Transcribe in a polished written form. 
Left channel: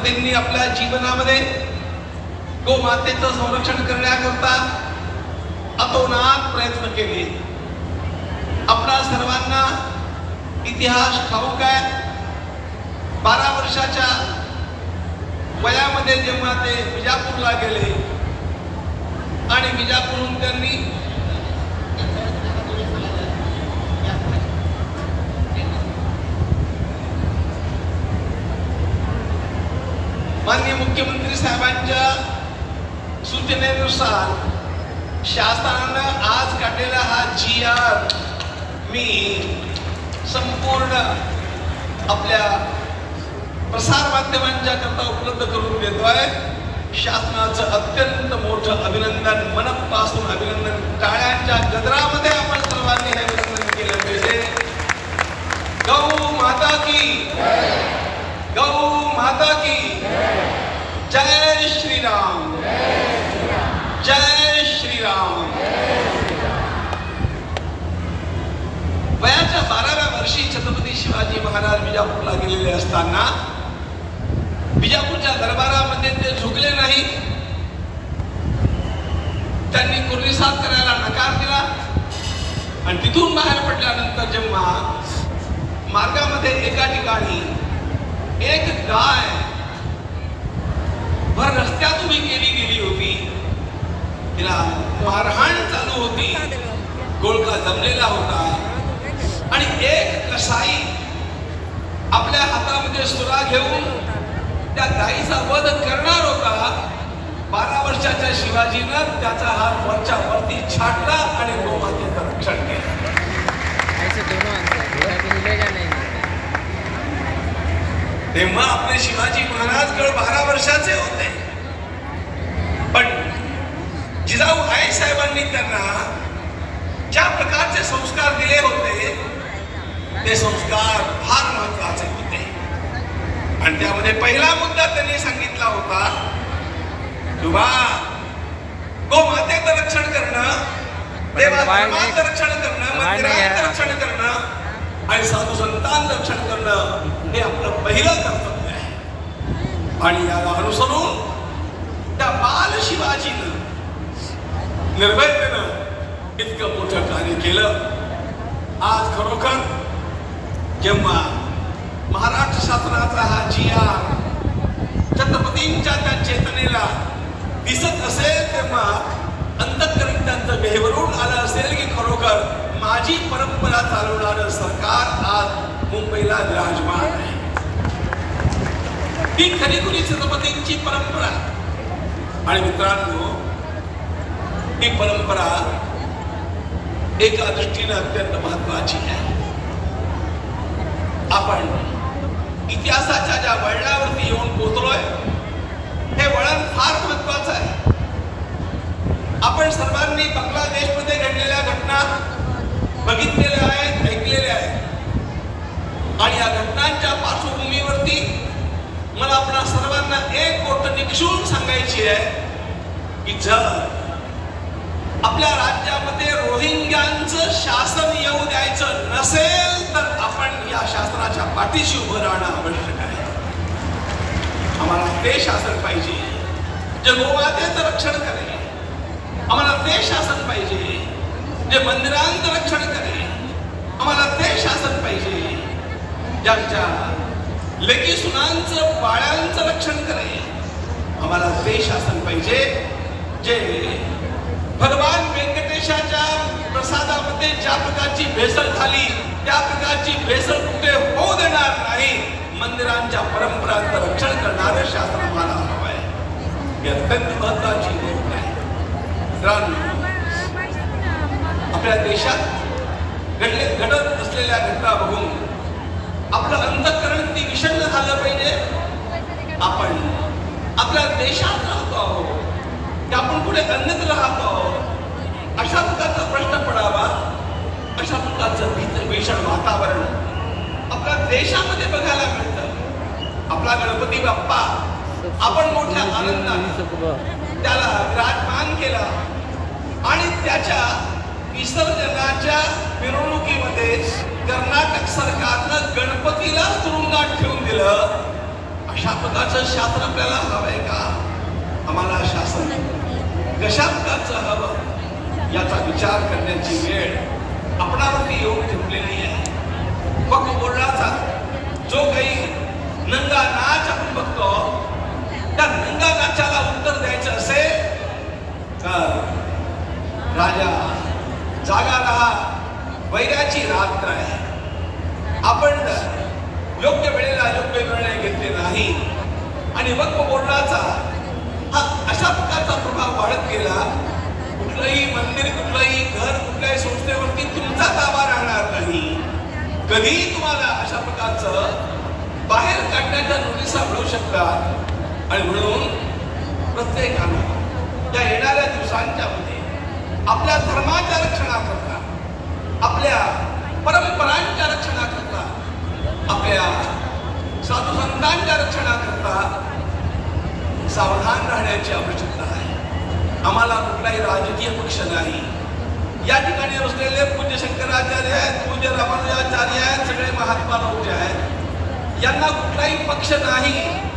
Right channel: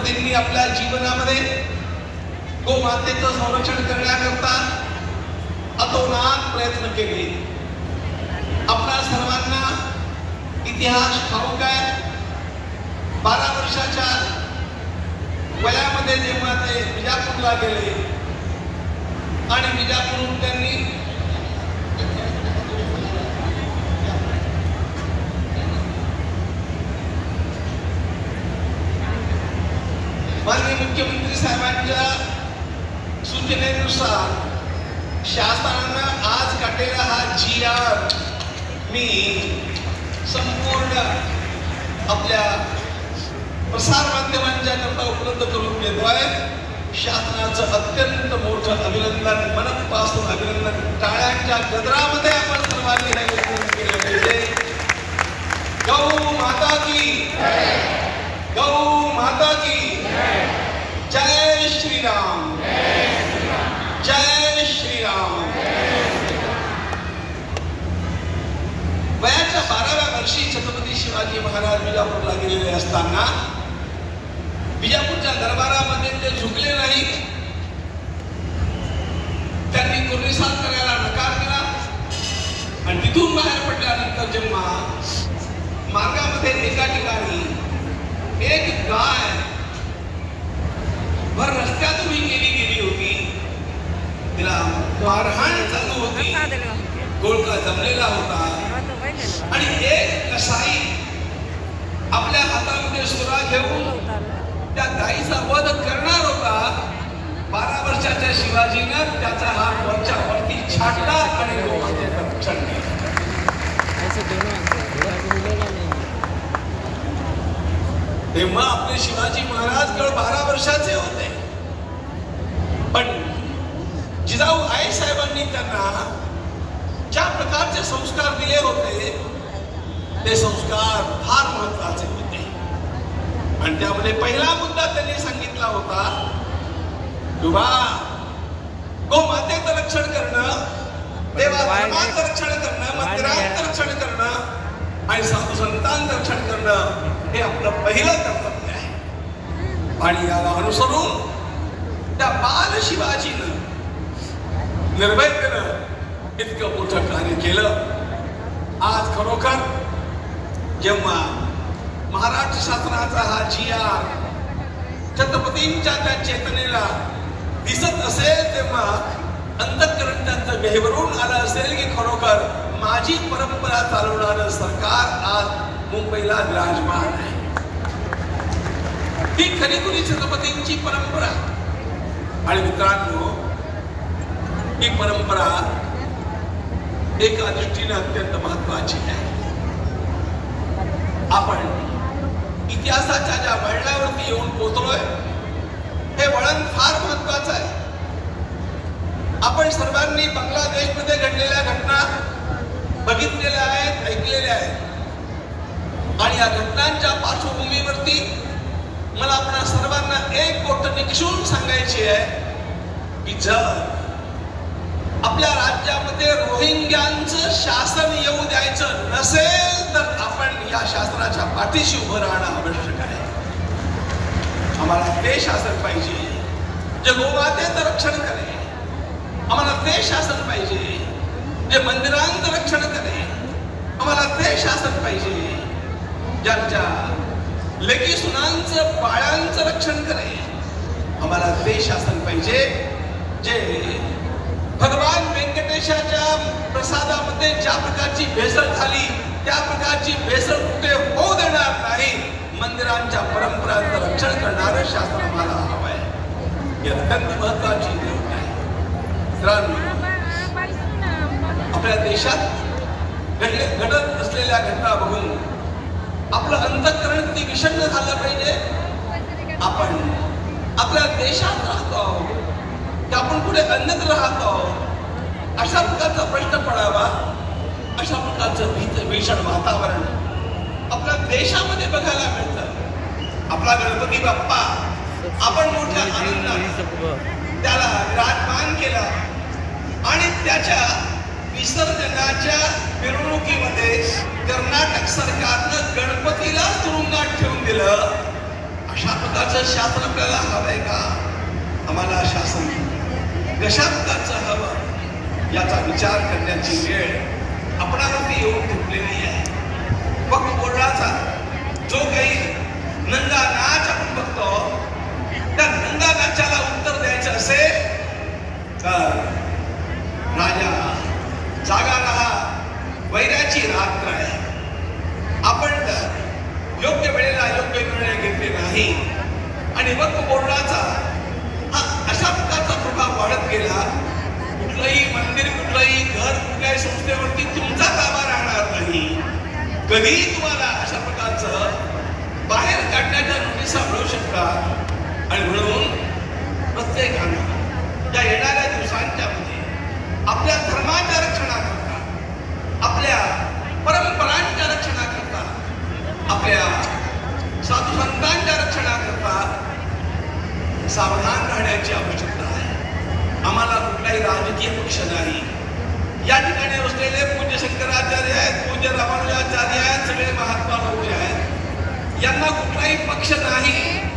छत्रपतींनी आपल्या जीवनामध्ये गोमातेचं संरक्षण करण्याकरता अतोनात प्रयत्न केले. आपल्या सर्वांना इतिहास ठाऊक आहे. 12 वर्षाच्या वयामध्ये जेव्हा ते विजापूरला गेले आणि विजापूरहून त्यांनी माननीय मुख्यमंत्री साहेबांच्या सूचनेनुसार शासनानं आज काढलेला हा GR मी संपूर्ण आपल्या प्रसार माध्यमांच्या करता उपलब्ध करून देतोय. शासनाचं अत्यंत मोठं अभिनंदन, मनपासून अभिनंदन. टाळ्यांच्या गजरामध्ये आपण सर्वांनी हे अभिनंदन केलं पाहिजे. गौ माता की, गौ माता की जय श्रीराम, जय श्रीराम. वयाच्या 12व्या वर्षी छत्रपती शिवाजी महाराज विजापूरला गेलेले असताना विजापूरच्या दरबारामध्ये ते झुकले नाही. त्यांनी कुर्निसाद करायला नकार दिला आणि तिथून बाहेर पडल्यानंतर जेव्हा मार्गामध्ये एका ठिकाणी एक गाय भर रस्त्यात उभी केली गेली होती. तिला मारहाण चालू होती. गोळका जमलेला होता आणि एक कसाई आपल्या हातामध्ये सुरा घेऊन त्या गायीचा वध करणार होता. 12 वर्षाच्या शिवाजीनं त्याचा हात वरच्या वरती छाटला आणि गोमातेचं रक्षण केलं. तेव्हा आपले शिवाजी महाराज केवळ 12 वर्षाचे होते, पण जिजाऊ आई साहेबांनी त्यांना ज्या प्रकारचे संस्कार दिले होते ते संस्कार फार महत्वाचे होते. आणि त्यामध्ये पहिला मुद्दा त्यांनी सांगितला होता, दुबा गोमातेचं रक्षण करणं, देवाचं रक्षण करणं, मंदिराचं रक्षण करणं आणि साधू संतांचं रक्षण करणं हे आपलं पहिलं कर्तव्य आहे. आणि याला अनुसरून त्या बाल शिवाजीनं निर्भयतेनं इतकं मोठं कार्य केलं. आज खरोखर जेव्हा महाराष्ट्र शासनाचा हा GR छत्रपतींच्या त्या चेतनेला दिसत असेल तेव्हा अंतःकरण त्यांचं गहिवरून आलं असेल की खरोखर माझी परंपरा चालवणारं सरकार आज मुंबईला विराजमान आहे. ही खरी छत्रपतींची परंपरा. आणि मित्रांनो, ही परंपरा एका दृष्टीने अत्यंत महत्वाची आहे. आपण इतिहासाच्या ज्या वळणावरती येऊन पोहोचलोय हे वळण फार महत्वाचं आहे. आपण सर्वांनी बांगलादेशमध्ये घडलेल्या घटना बघितलेल्या आहेत, ऐकलेल्या आहेत. आणि या घटनांच्या पार्श्वभूमीवरती मला आपल्या सर्वांना एक गोष्ट निक्षून सांगायची आहे की जर आपल्या राज्यामध्ये रोहिंग्यांचं शासन येऊ द्यायचं नसेल तर आपण या शासनाच्या पाठीशी उभं राहणं आवश्यक आहे. आम्हाला ते शासन पाहिजे जे गोमातेचं रक्षण करेल. आम्हाला ते शासन पाहिजे जे मंदिरांचं रक्षण करेल. आम्हाला ते शासन पाहिजे ज्यांच्या लेकी सुनांचं बाळांचं रक्षण करेल. आम्हाला ते शासन पाहिजे जे भगवान व्यंकटेशाच्या प्रसादामध्ये ज्या प्रकारची भेसळ झाली त्या प्रकारची भेसळ कुठे होऊ देणार नाही. मंदिरांच्या परंपरांचं रक्षण करणारं शासन आम्हाला हवं आहे. ही अत्यंत महत्वाची गोष्ट आहे. आपल्या देशात घडत असलेल्या घटना बघून आपलं अंतःकरण किती विषण्ण झालं पाहिजे. आपण आपल्या देशात राहतो आहोत की आपण कुठे अन्यत्र राहतो आहोत अशा प्रकारचा प्रश्न पडावा. अशा प्रकारचं भीषण वातावरण आपल्या देशामध्ये बघायला मिळतं. आपला गणपती बाप्पा आपण मोठ्या आनंदाने त्याला विराजमान केला आणि त्याच्या विसर्जनाच्या मिरवणुकीमध्ये कर्नाटक सरकारनं गणपतीला तुरुंगात ठेवून दिलं. अशा प्रकारचं शासन आपल्याला हवंय का? आम्हाला शासन कशा प्रकारचं हवं याचा विचार करण्याची वेळ आपणावरती येऊन ठेवलेली आहे. वक्फ बोर्डाचा जो काही नंगा नाच आपण बघतो, त्या नंगा नाचाला उत्तर द्यायचं असेल तर राजा जागा राहा, वैराची रात्र आहे. आपण जर योग्य वेळेला योग्य निर्णय घेतले नाही आणि वक्फ बोर्डाचा हा अशा प्रकारचा प्रभाव वाढत गेला, कुठलंही मंदिर, कुठलंही घर, कुठल्याही संस्थेवरती तुमचा ताबा राहणार नाही. कधीही तुम्हाला अशा प्रकारचं बाहेर काढण्याच्या नोटिसा मिळू शकतात. आणि म्हणून प्रत्येकानं या येणाऱ्या दिवसांच्या मध्ये आपल्या धर्माच्या रक्षणाकरता, आपल्या परंपरांच्या रक्षणाकरता, आपल्या साधू संतांच्या रक्षणाकरता सावधान राहण्याची आवश्यकता आहे. आम्हाला कुठलाही राजकीय पक्ष नाही. या ठिकाणी बसलेले पूज्य शंकराचार्य आहेत, पूज्य रामानुजाचार्य आहेत, सगळे महात्मा लोक जे आहेत, यांना कुठलाही पक्ष नाही.